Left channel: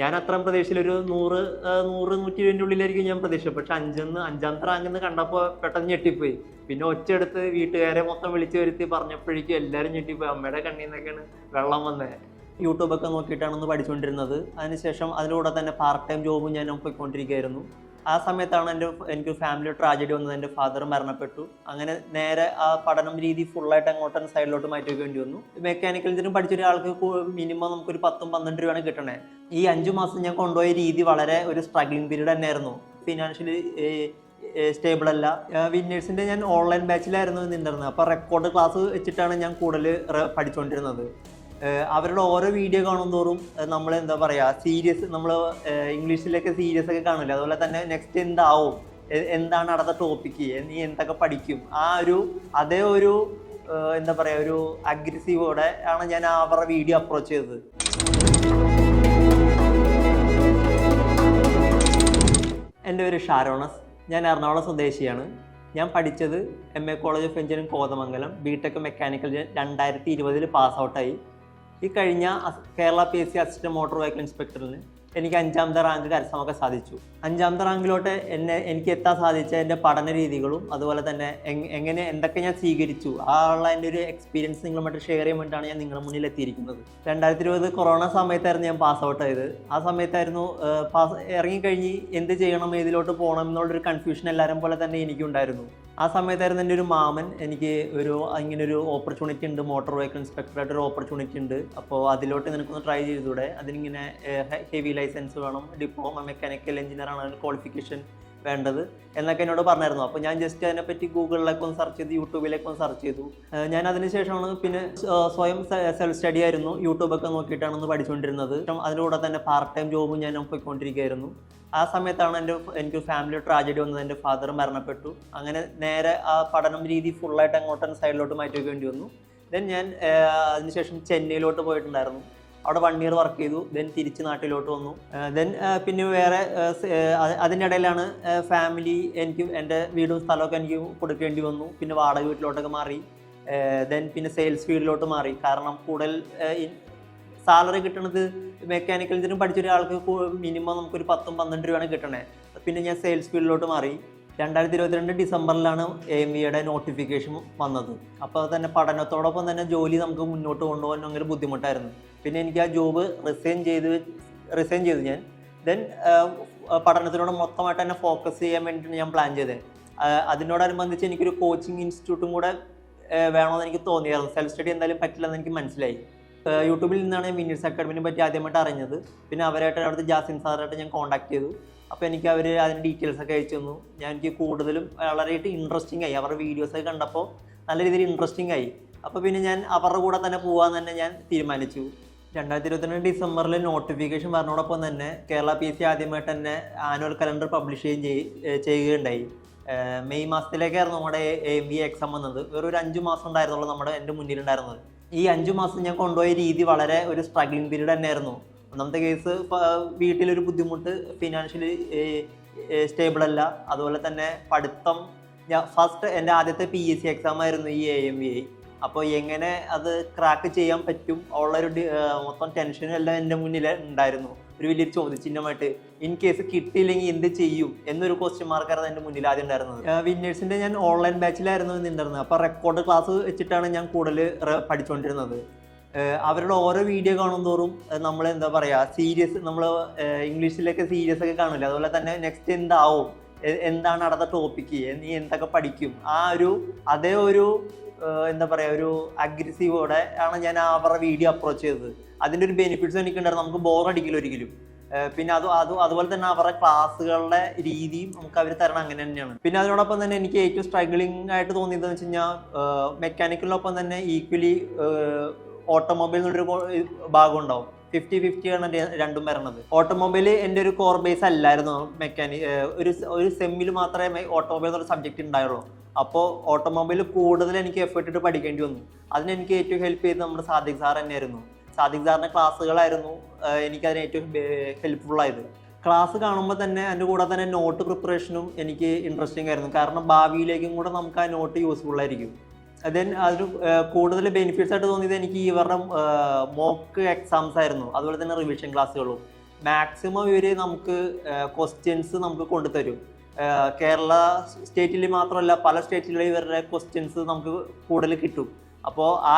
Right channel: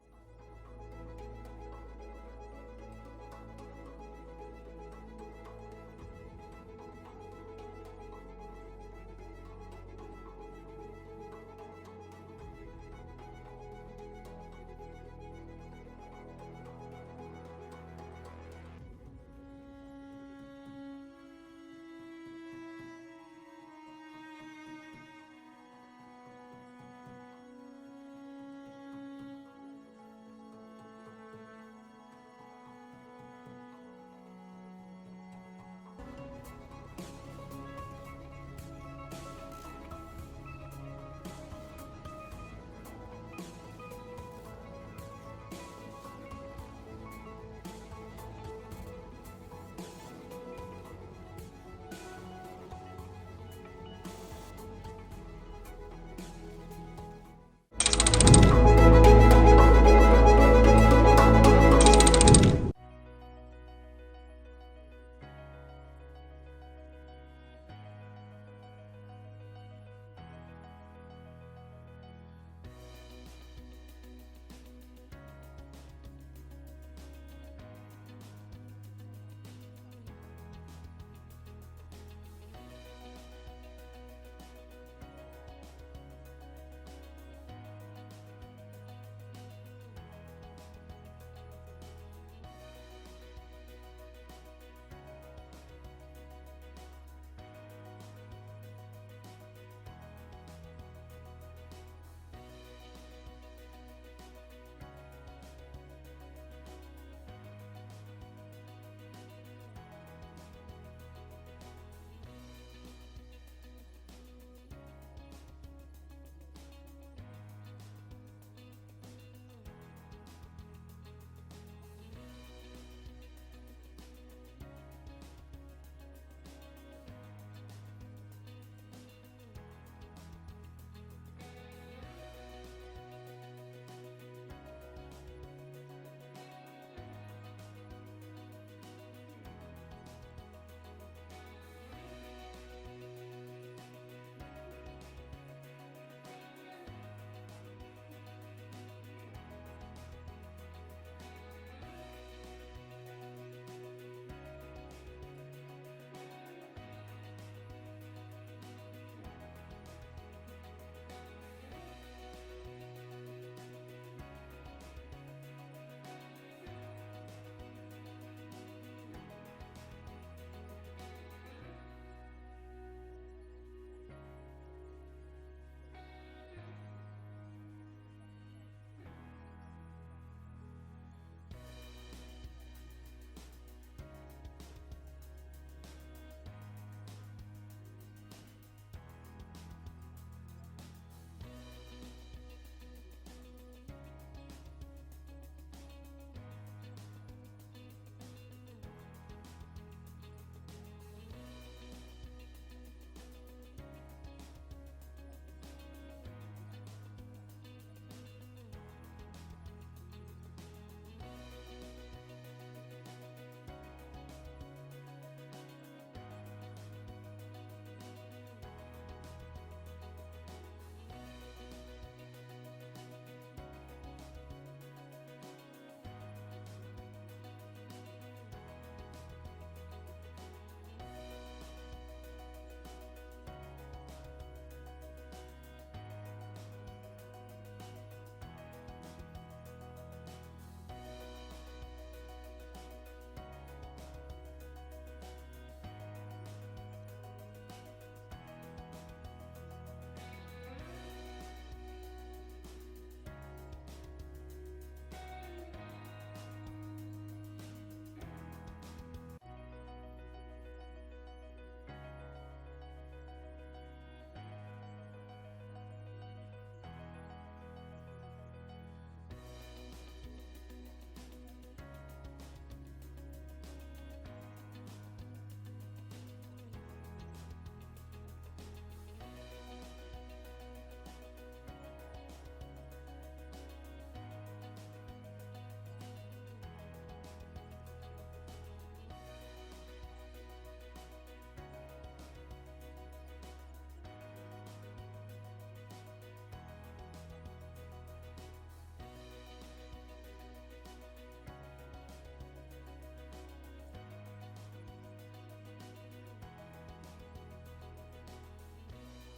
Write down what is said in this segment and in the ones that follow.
ഞാൻ അത്രയും പ്രതീക്ഷയിൽ ഒരു 100-120 ഉള്ളിലായിരിക്കും ഞാൻ പ്രതീക്ഷ. പക്ഷെ അഞ്ചാമത്തെ റാങ്കെന്ന് കണ്ടപ്പോൾ പെട്ടെന്ന് ഞെട്ടിപ്പോയി. പിന്നെ ഒച്ചയെടുത്ത് വീട്ടുകാരെ മൊത്തം വിളിച്ചു വരുത്തി പറഞ്ഞപ്പോഴേക്കും എല്ലാവരും ഞെട്ടിപ്പോയി. അമ്മയുടെ കണ്ണിൽ നിന്നൊക്കെയാണ് വെള്ളം വന്നത്. യൂട്യൂബൊക്കെ നോക്കിയിട്ടാണ് പഠിച്ചുകൊണ്ടിരുന്നത്. അതിനുശേഷം അതിലൂടെ തന്നെ പാർട്ട് ടൈം ജോബും ഞാൻ പോയിക്കൊണ്ടിരിക്കുകയായിരുന്നു. ആ സമയത്താണ് എനിക്ക് ഫാമിലി ട്രാജഡി വന്നത്. എൻ്റെ ഫാദർ മരണപ്പെട്ടു. അങ്ങനെ നേരെ ആ പഠനം രീതി ഫുള്ളായിട്ട് അങ്ങോട്ട് സൈഡിലോട്ട് മാറ്റി വയ്ക്കേണ്ടി വന്നു. മെക്കാനിക്കൽ എഞ്ചിനീയറിംഗ് പഠിച്ചൊരാൾക്ക് മിനിമം നമുക്കൊരു 10-12 രൂപയാണ് കിട്ടണേ. ഈ 5 മാസം ഞാൻ കൊണ്ടുപോയ രീതി വളരെ ഒരു സ്ട്രഗ്ലിംഗ് പീരീഡ് തന്നെയായിരുന്നു. ഫിനാൻഷ്യലി സ്റ്റേബിൾ അല്ല. വിന്നേഴ്സിൻ്റെ ഞാൻ ഓൺലൈൻ ബാച്ചിലായിരുന്നു നിന്നിരുന്നത്. അപ്പോൾ റെക്കോർഡ് ക്ലാസ് വെച്ചിട്ടാണ് ഞാൻ കൂടുതൽ പഠിച്ചുകൊണ്ടിരുന്നത്. അവരുടെ ഓരോ വീഡിയോ കാണും തോറും നമ്മൾ എന്താ പറയുക, സീരിയസ്, നമ്മൾ ഇംഗ്ലീഷിലൊക്കെ സീരിയസ് ഒക്കെ കാണില്ല, അതുപോലെ തന്നെ നെക്സ്റ്റ് എന്താവും, എന്താണ് അടുത്ത ടോപ്പിക്ക്, നീ എന്തൊക്കെ പഠിക്കും, അതേ ഒരു എന്താ പറയുക, ഒരു അഗ്രസീവോടെ ആണ് ഞാൻ അവരുടെ വീഡിയോ അപ്രോച്ച് ചെയ്തത്. എൻ്റെ പേര് ഷാരോണസ്. ഞാൻ എറണാകുളം സ്വദേശിയാണ്. ഞാൻ പഠിച്ചത് MA college of engineering Kothamangalam. BTech mechanical 2020 pass ഔട്ടായി. ഈ കഴിഞ്ഞ Kerala PSC assistant motor vehicle ഇൻസ്പെക്ടറിന് എനിക്ക് 5ാമത്തെ റാങ്ക് കരസ്ഥമാക്കാൻ സാധിച്ചു. 5ാമത്തെ റാങ്കിലോട്ട് എനിക്ക് എത്താൻ സാധിച്ച എൻ്റെ പഠന രീതികളും അതുപോലെ തന്നെ എന്തൊക്കെ ഞാൻ സ്വീകരിച്ചു ഉള്ള എൻ്റെ ഒരു എക്സ്പീരിയൻസ് നിങ്ങളുമായിട്ട് ഷെയർ ചെയ്യാൻ വേണ്ടിയിട്ടാണ് ഞാൻ നിങ്ങളുടെ മുന്നിൽ എത്തിയിരിക്കുന്നത്. 2020 കൊറോണ സമയത്തായിരുന്നു ഞാൻ പാസ് ഔട്ട് ആയത്. ആ സമയത്തായിരുന്നു ഇറങ്ങിക്കഴിഞ്ഞ് എന്ത് ചെയ്യണം, ഏതിലോട്ട് പോകണം എന്നുള്ളൊരു കൺഫ്യൂഷൻ എല്ലാവരും പോലെ തന്നെ എനിക്കുണ്ടായിരുന്നു. ആ സമയത്തായിരുന്നു എൻ്റെ ഒരു മാമൻ എനിക്ക് ഇങ്ങനൊരു ഓപ്പർച്യൂണിറ്റി ഉണ്ട്, മോട്ടോർ വെഹിക്കിൾ ഇൻസ്പെക്ടറായിട്ടൊരു ഓപ്പർച്യൂണിറ്റി ഉണ്ട്, അപ്പോൾ അതിലോട്ട് നിനക്കൊന്ന് ട്രൈ ചെയ്തൂടെ, അതിനിങ്ങനെ ഹെവി ലൈസൻസ് വേണം, ഡിപ്ലോമ മെക്കാനിക്കൽ എഞ്ചിനീയർ ആണ് അതിന് ക്വാളിഫിക്കേഷൻ വേണ്ടത് എന്നൊക്കെ എന്നോട് പറഞ്ഞായിരുന്നു. അപ്പോൾ ഞാൻ ജസ്റ്റ് അതിനെപ്പറ്റി ഗൂഗിളിലേക്ക് ഒന്ന് സെർച്ച് ചെയ്തു, യൂട്യൂബിലേക്ക് ഒന്ന് സെർച്ച് ചെയ്തു. ഞാൻ അതിനുശേഷമാണ് പിന്നെ സ്വയം സെൽഫ് സ്റ്റഡി ആയിരുന്നു, യൂട്യൂബൊക്കെ നോക്കിയിട്ടാണ് പഠിച്ചുകൊണ്ടിരുന്നത്. അതിലൂടെ തന്നെ പാർട്ട് ടൈം ജോബും ഞാൻ പോയിക്കൊണ്ടിരിക്കുകയായിരുന്നു. ആ സമയത്താണ് എനിക്ക് ഫാമിലി ട്രാജഡി വന്നത്. എൻ്റെ ഫാദർ മരണപ്പെട്ടു. അങ്ങനെ നേരെ ആ പഠനം രീതി ഫുള്ളായിട്ട് അങ്ങോട്ട് സൈഡിലോട്ട് മാറ്റി വയ്ക്കേണ്ടി വന്നു. ദെൻ ഞാൻ അതിനുശേഷം ചെന്നൈയിലോട്ട് പോയിട്ടുണ്ടായിരുന്നു. അവിടെ 1 ഇയർ വർക്ക് ചെയ്തു. ദെൻ തിരിച്ച് നാട്ടിലോട്ട് വന്നു. ദെൻ പിന്നെ വേറെ അതിൻ്റെ ഇടയിലാണ് ഫാമിലി, എനിക്ക് എൻ്റെ വീടും സ്ഥലമൊക്കെ എനിക്ക് കൊടുക്കേണ്ടി വന്നു. പിന്നെ വാടക വീട്ടിലോട്ടൊക്കെ മാറി. ദെൻ പിന്നെ സെയിൽസ് ഫീൽഡിലോട്ട് മാറി. കാരണം കൂടുതൽ സാലറി കിട്ടുന്നത് മെക്കാനിക്കൽ എഞ്ചിനീയറിംഗ് പഠിച്ചൊരാൾക്ക് മിനിമം നമുക്കൊരു 10-12 രൂപയാണ് കിട്ടണേ. പിന്നെ ഞാൻ സെയിൽസ് ഫീൽഡിലോട്ട് മാറി. 2022 ഡിസംബറിലാണ് AMVയുടെ നോട്ടിഫിക്കേഷൻ വന്നത്. അപ്പോൾ തന്നെ പഠനത്തോടൊപ്പം തന്നെ ജോലി നമുക്ക് മുന്നോട്ട് കൊണ്ടുപോകാൻ ഭയങ്കര ബുദ്ധിമുട്ടായിരുന്നു. പിന്നെ എനിക്ക് ആ ജോബ് റിസൈൻ ചെയ്തു ഞാൻ. ദെൻ പഠനത്തിനോട് മൊത്തമായിട്ട് തന്നെ ഫോക്കസ് ചെയ്യാൻ വേണ്ടിയിട്ടാണ് ഞാൻ പ്ലാൻ ചെയ്തത്. അതിനോടനുബന്ധിച്ച് എനിക്കൊരു കോച്ചിങ് ഇൻസ്റ്റിറ്റ്യൂട്ടും കൂടെ വേണമെന്ന് എനിക്ക് തോന്നിയായിരുന്നു. സെൽഫ് സ്റ്റഡി എന്തായാലും പറ്റില്ലെന്ന് എനിക്ക് മനസ്സിലായി. യൂട്യൂബിൽ നിന്നാണ് വിന്നേഴ്സ് അക്കാഡമിനെ പറ്റി ആദ്യമായിട്ട് അറിഞ്ഞത്. പിന്നെ അവരായിട്ട് അവിടുത്തെ ജാസിൻ സാറായിട്ട് ഞാൻ കോൺടാക്ട് ചെയ്തു. അപ്പോൾ എനിക്ക് അവർ അതിൻ്റെ ഡീറ്റെയിൽസ് ഒക്കെ അയച്ചു തന്നു. എനിക്ക് കൂടുതലും വളരെയായിട്ട് ഇൻട്രസ്റ്റിംഗ് ആയി. അവരുടെ വീഡിയോസൊക്കെ കണ്ടപ്പോൾ നല്ല രീതിയിൽ ഇൻട്രസ്റ്റിംഗ് ആയി. അപ്പോൾ പിന്നെ ഞാൻ അവരുടെ കൂടെ തന്നെ പോകാമെന്ന് തന്നെ ഞാൻ തീരുമാനിച്ചു. 2022 ഡിസംബറിൽ നോട്ടിഫിക്കേഷൻ പറഞ്ഞതോടൊപ്പം തന്നെ കേരള PSC ആദ്യമായിട്ട് തന്നെ ആനുവൽ കലണ്ടർ പബ്ലിഷ് ചെയ്യുകയുണ്ടായി. മെയ് മാസത്തിലേക്കായിരുന്നു നമ്മുടെ AMV എക്സാം വന്നത്. ഒരു 5 മാസം ഉണ്ടായിരുന്നുള്ളൂ എൻ്റെ മുന്നിലുണ്ടായിരുന്നത്. ഈ 5 മാസം ഞാൻ കൊണ്ടുപോയ രീതി വളരെ ഒരു സ്ട്രഗ്ലിംഗ് പീരീഡ് തന്നെയായിരുന്നു. ഒന്നാമത്തെ കേസ്, വീട്ടിലൊരു ബുദ്ധിമുട്ട്, ഫിനാൻഷ്യലി സ്റ്റേബിൾ അല്ല, അതുപോലെ തന്നെ പഠിത്തം. ഫസ്റ്റ് എൻ്റെ ആദ്യത്തെ PSC എക്സാം ആയിരുന്നു ഈ AMV. അപ്പോൾ എങ്ങനെ അത് ക്രാക്ക് ചെയ്യാൻ പറ്റും ഉള്ളൊരു മൊത്തം ടെൻഷനും എല്ലാം എൻ്റെ മുന്നിൽ ഉണ്ടായിരുന്നു. ഒരു വലിയൊരു ചോദ്യചിഹ്നമായിട്ട് ഇൻ കേസ് കിട്ടിയില്ലെങ്കിൽ എന്ത് ചെയ്യും എന്നൊരു ക്വസ്റ്റ്യൻ മാർക്കായിരുന്നു എൻ്റെ മുന്നിൽ ആദ്യം ഉണ്ടായിരുന്നത്. വിന്നേഴ്സിൻ്റെ ഞാൻ ഓൺലൈൻ ബാച്ചിലായിരുന്നു നിന്നിരുന്നത്. അപ്പോൾ റെക്കോർഡ് ക്ലാസ് വെച്ചിട്ടാണ് ഞാൻ കൂടുതൽ പഠിച്ചുകൊണ്ടിരുന്നത്. അവരുടെ ഓരോ വീഡിയോ കാണും തോറും നമ്മൾ എന്താ പറയുക, സീരിയസ്, നമ്മൾ ഇംഗ്ലീഷിലൊക്കെ സീരിയസ് ഒക്കെ കാണില്ല, അതുപോലെ തന്നെ നെക്സ്റ്റ് എന്താവും, എന്താണ് അടുത്ത ടോപ്പിക്ക്, നീ എന്തൊക്കെ പഠിക്കും, അതേ ഒരു എന്താ പറയുക, ഒരു അഗ്രസീവോടെ ആണ് ഞാൻ അവരുടെ വീഡിയോ അപ്രോച്ച് ചെയ്തത്. അതിൻ്റെ ഒരു ബെനിഫിറ്റ്സ് എനിക്കുണ്ടായിരുന്നു. നമുക്ക് ബോറടിക്കില്ല ഒരിക്കലും. പിന്നെ അതുപോലെ തന്നെ അവരുടെ ക്ലാസ്സുകളുടെ രീതിയും നമുക്ക് അവർ തരണം അങ്ങനെ തന്നെയാണ്. പിന്നെ അതിനോടൊപ്പം തന്നെ എനിക്ക് ഏറ്റവും സ്ട്രഗ്ലിംഗ് ആയിട്ട് തോന്നിയതെന്ന് വെച്ച് കഴിഞ്ഞാൽ, മെക്കാനിക്കലിനൊപ്പം തന്നെ ഈക്വലി ഓട്ടോമൊബൈൽ എന്നൊരു ഭാഗം ഉണ്ടാവും. 50-50 ആണ് രണ്ടും വരണത്. ഓട്ടോമൊബൈൽ എൻ്റെ ഒരു കോർ ബേസ് അല്ലായിരുന്നു. ഒരു സെമ്മിൽ മാത്രമേ ഓട്ടോമൊബൈൽ എന്നൊരു സബ്ജക്റ്റ് ഉണ്ടായുള്ളൂ. അപ്പോൾ ഓട്ടോമൊബൈൽ കൂടുതൽ എനിക്ക് എഫേർട്ട് ഇട്ട് പഠിക്കേണ്ടി വന്നു. അതിനെനിക്ക് ഏറ്റവും ഹെൽപ്പ് ചെയ്തത് നമ്മുടെ സാദിഖ് സാർ തന്നെയായിരുന്നു. സാദിഖ് സാറിൻ്റെ ക്ലാസ്സുകളായിരുന്നു എനിക്കതിന് ഏറ്റവും ഹെൽപ്ഫുള്ളായത്. ക്ലാസ് കാണുമ്പോൾ തന്നെ അതിൻ്റെ കൂടെ തന്നെ നോട്ട് പ്രിപ്പറേഷനും എനിക്ക് ഇൻട്രസ്റ്റിംഗ് ആയിരുന്നു. കാരണം ഭാവിയിലേക്കും കൂടെ നമുക്ക് ആ നോട്ട് യൂസ്ഫുൾ ആയിരിക്കും. ദെൻ അതിന് കൂടുതൽ ബെനിഫിറ്റ്സ് ആയിട്ട് തോന്നിയത് എനിക്ക് ഇവരുടെ മോക്ക് എക്സാംസ് ആയിരുന്നു, അതുപോലെ തന്നെ റിവിഷൻ ക്ലാസ്സുകളും. മാക്സിമം ഇവർ നമുക്ക് ക്വസ്റ്റ്യൻസ് നമുക്ക് കൊണ്ടുതരും. കേരള സ്റ്റേറ്റിൽ മാത്രമല്ല പല സ്റ്റേറ്റിലും ഇവരുടെ ക്വസ്റ്റ്യൻസ് നമുക്ക് കൂടുതൽ കിട്ടും. അപ്പോൾ ആ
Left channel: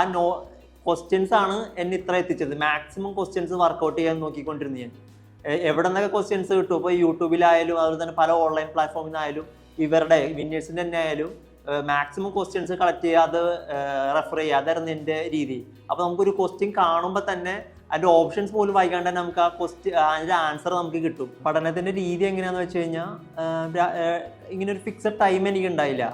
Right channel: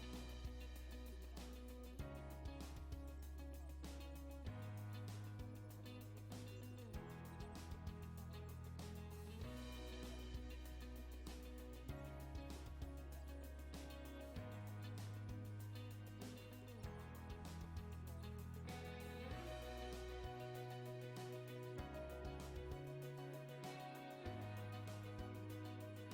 ക്വസ്റ്റ്യൻസ് ആണ് എന്നെ ഇത്ര എത്തിച്ചത്. മാക്സിമം ക്വസ്റ്റ്യൻസ് വർക്കൗട്ട് ചെയ്യാൻ നോക്കിക്കൊണ്ടിരുന്നു ഞാൻ. എവിടെ നിന്നൊക്കെ ക്വസ്റ്റ്യൻസ് കിട്ടും, ഇപ്പോൾ യൂട്യൂബിലായാലും അതുപോലെ തന്നെ പല ഓൺലൈൻ പ്ലാറ്റ്ഫോമിൽ നിന്നായാലും ഇവരുടെ വിന്നേഴ്സിൻ്റെ തന്നെ ആയാലും മാക്സിമം ക്വസ്റ്റ്യൻസ് കളക്ട് ചെയ്യുക, അത് റെഫർ ചെയ്യുക, അതായിരുന്നു എൻ്റെ രീതി. അപ്പോൾ നമുക്കൊരു ക്വസ്റ്റ്യൻ കാണുമ്പോൾ തന്നെ അതിൻ്റെ ഓപ്ഷൻസ് പോലും വായിക്കാണ്ട് തന്നെ നമുക്ക് ആ അതിൻ്റെ ആൻസർ നമുക്ക് കിട്ടും. പഠനത്തിൻ്റെ രീതി എങ്ങനെയാണെന്ന് വെച്ച് കഴിഞ്ഞാൽ ഇങ്ങനെ ഒരു ഫിക്സഡ് ടൈം എനിക്ക് ഉണ്ടായില്ല.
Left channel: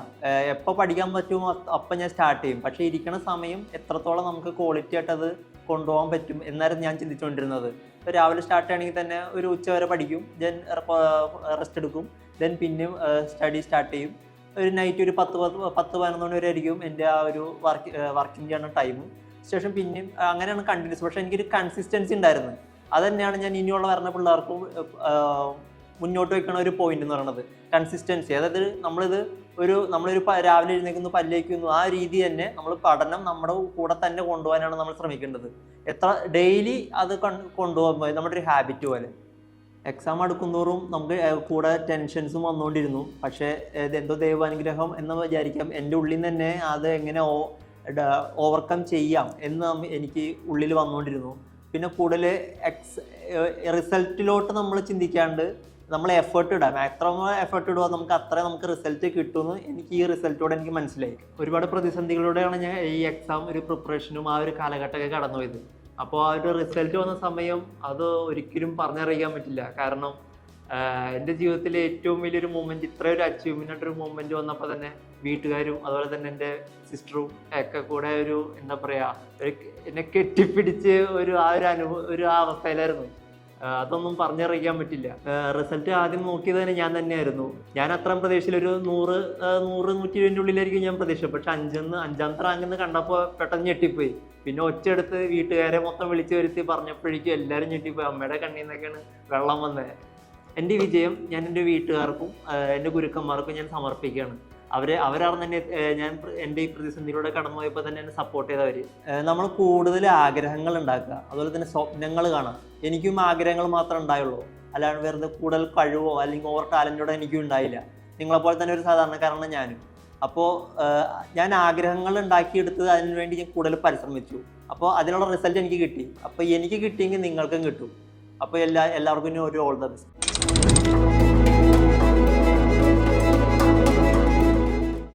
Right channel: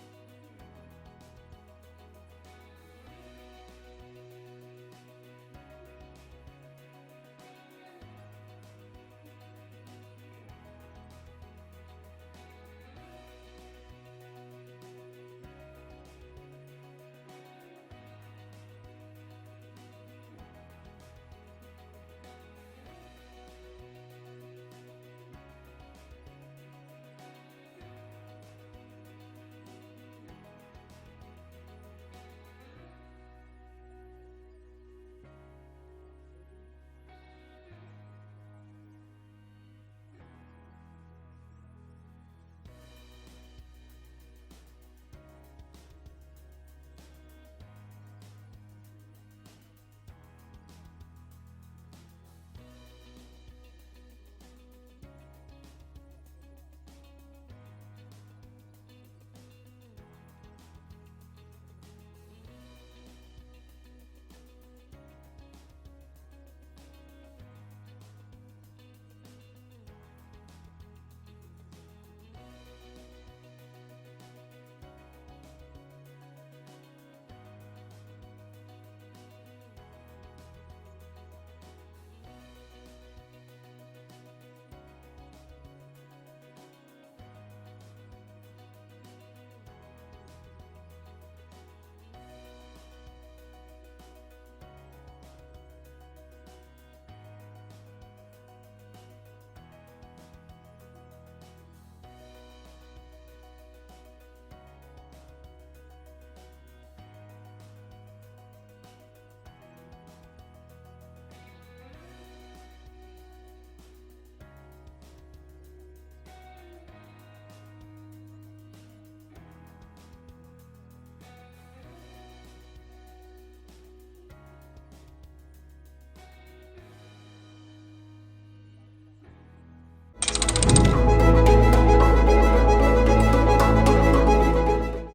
എപ്പോൾ പഠിക്കാൻ പറ്റുമോ അപ്പം ഞാൻ സ്റ്റാർട്ട് ചെയ്യും. പക്ഷേ ഇരിക്കുന്ന സമയം എത്രത്തോളം നമുക്ക് ക്വാളിറ്റി ആയിട്ട് അത് കൊണ്ടുപോകാൻ പറ്റും എന്നായിരുന്നു ഞാൻ ചിന്തിച്ചുകൊണ്ടിരുന്നത്. ഇപ്പോൾ രാവിലെ സ്റ്റാർട്ട് ചെയ്യണമെങ്കിൽ തന്നെ ഒരു ഉച്ച വരെ പഠിക്കും, ദെൻ റെസ്റ്റ് എടുക്കും, ദെൻ പിന്നെയും സ്റ്റഡി സ്റ്റാർട്ട് ചെയ്യും. ഒരു നൈറ്റ് ഒരു 10-11 മണി വരെ ആയിരിക്കും എൻ്റെ ആ ഒരു വർക്കിംഗ് ചെയ്യുന്ന ടൈം. ശേഷം പിന്നെയും അങ്ങനെയാണ് കണ്ടിന്യൂസ്. പക്ഷേ എനിക്കൊരു കൺസിസ്റ്റൻസി ഉണ്ടായിരുന്നു. അത് തന്നെയാണ് ഞാൻ ഇനിയുള്ള വരുന്ന പിള്ളേർക്കും മുന്നോട്ട് വെക്കുന്ന ഒരു പോയിന്റ് എന്ന് പറയുന്നത്, കൺസിസ്റ്റൻസി. അതായത് നമ്മളൊരു രാവിലെ എഴുന്നേക്കുന്നു, പല്ലേക്കുന്നു, ആ രീതി തന്നെ നമ്മൾ പഠനം നമ്മുടെ കൂടെ തന്നെ കൊണ്ടുപോകാനാണ് നമ്മൾ ശ്രമിക്കേണ്ടത്. എത്ര ഡെയിലി അത് കൊണ്ടുപോകുമ്പോൾ നമ്മുടെ ഒരു ഹാബിറ്റ് പോലെ. എക്സാം അടുക്കുന്തോറും നമുക്ക് കൂടെ ടെൻഷൻസും വന്നുകൊണ്ടിരുന്നു. പക്ഷേ ഇതെന്തോ ദൈവാനുഗ്രഹം എന്ന് വിചാരിക്കാം. എൻ്റെ ഉള്ളിൽ നിന്ന് തന്നെ അത് എങ്ങനെ ഓവർകം ചെയ്യാം എന്ന് എനിക്ക് ഉള്ളിൽ വന്നുകൊണ്ടിരുന്നു. പിന്നെ കൂടുതൽ റിസൾട്ടിലോട്ട് നമ്മൾ ചിന്തിക്കാണ്ട് നമ്മൾ എഫേർട്ട് ഇടാം. എത്ര എഫേർട്ട് ഇടുക നമുക്ക് റിസൾട്ട് കിട്ടുമെന്ന് എനിക്ക് ഈ റിസൾട്ടോടെ എനിക്ക് മനസ്സിലായി. ഒരുപാട് പ്രതിസന്ധികളിലൂടെയാണ് ഞാൻ ഈ എക്സാം ഒരു പ്രിപ്പറേഷനും ആ ഒരു കാലഘട്ടമൊക്കെ കടന്നുപോയത്. അപ്പോൾ ആ ഒരു റിസൾട്ട് വന്ന സമയം അത് ഒരിക്കലും പറഞ്ഞറിയിക്കാൻ പറ്റില്ല. കാരണം എൻ്റെ ജീവിതത്തിലെ ഏറ്റവും വലിയൊരു മൂമെൻറ്റ്, ഇത്രയൊരു അച്ചീവ്മെൻ്റ് ആയിട്ടൊരു മൂമെൻറ്റ് വന്നപ്പോൾ തന്നെ വീട്ടുകാരും അതുപോലെ തന്നെ എൻ്റെ സിസ്റ്ററും ഒക്കെ കൂടെ എന്താ പറയുക, എന്നെ കെട്ടിപ്പിടിച്ച് ഒരു അവസ്ഥയിലായിരുന്നു. അതൊന്നും പറഞ്ഞറിയിക്കാൻ പറ്റില്ല. റിസൾട്ട് ആദ്യം നോക്കിയത് തന്നെ ഞാൻ തന്നെയായിരുന്നു. ഞാൻ അത്രയും പ്രതീക്ഷയിൽ ഒരു 100-120 ഉള്ളിലായിരിക്കും ഞാൻ പ്രതീക്ഷ. പക്ഷെ അഞ്ചാമത്തെ റാങ്കെന്ന് കണ്ടപ്പോൾ പെട്ടെന്ന് ഞെട്ടിപ്പോയി. പിന്നെ ഒച്ചയെടുത്ത് വീട്ടുകാരെ മൊത്തം വിളിച്ചു വരുത്തി പറഞ്ഞപ്പോഴേക്കും എല്ലാവരും ഞെട്ടിപ്പോയി. അമ്മയുടെ കണ്ണിൽ നിന്നൊക്കെയാണ് വെള്ളം വന്നത്. എൻ്റെ വിജയം ഞാൻ എൻ്റെ വീട്ടുകാർക്കും എൻ്റെ ഗുരുക്കന്മാർക്കും ഞാൻ സമർപ്പിക്കുകയാണ്. അവരാണ് തന്നെ എൻ്റെ ഈ പ്രതിസന്ധിയിലൂടെ കടന്നു പോയപ്പോൾ തന്നെ എന്നെ സപ്പോർട്ട് ചെയ്തവർ. നമ്മൾ കൂടുതൽ ആഗ്രഹങ്ങൾ ഉണ്ടാക്കുക, അതുപോലെ തന്നെ സ്വപ്നങ്ങൾ കാണാം. എനിക്കും ആഗ്രഹങ്ങൾ മാത്രമേ ഉണ്ടായുള്ളൂ, അല്ലാണ്ട് വെറുതെ കൂടുതൽ കഴിവോ അല്ലെങ്കിൽ ഓവർ ടാലൻറ്റോടെ എനിക്കും ഉണ്ടായില്ല. നിങ്ങളെപ്പോലെ തന്നെ ഒരു സാധാരണക്കാരനാണ് ഞാനും. അപ്പോൾ ഞാൻ ആഗ്രഹങ്ങൾ ഉണ്ടാക്കിയെടുത്ത് അതിനുവേണ്ടി ഞാൻ കൂടുതൽ പരിശ്രമിച്ചു. അപ്പോൾ അതിനുള്ള റിസൾട്ട് എനിക്ക് കിട്ടി. അപ്പോൾ എനിക്ക് കിട്ടിയെങ്കിൽ നിങ്ങൾക്കും കിട്ടും. അപ്പോൾ എല്ലാവർക്കും ഒരു ഓൾ ദ ബെസ്റ്റ്.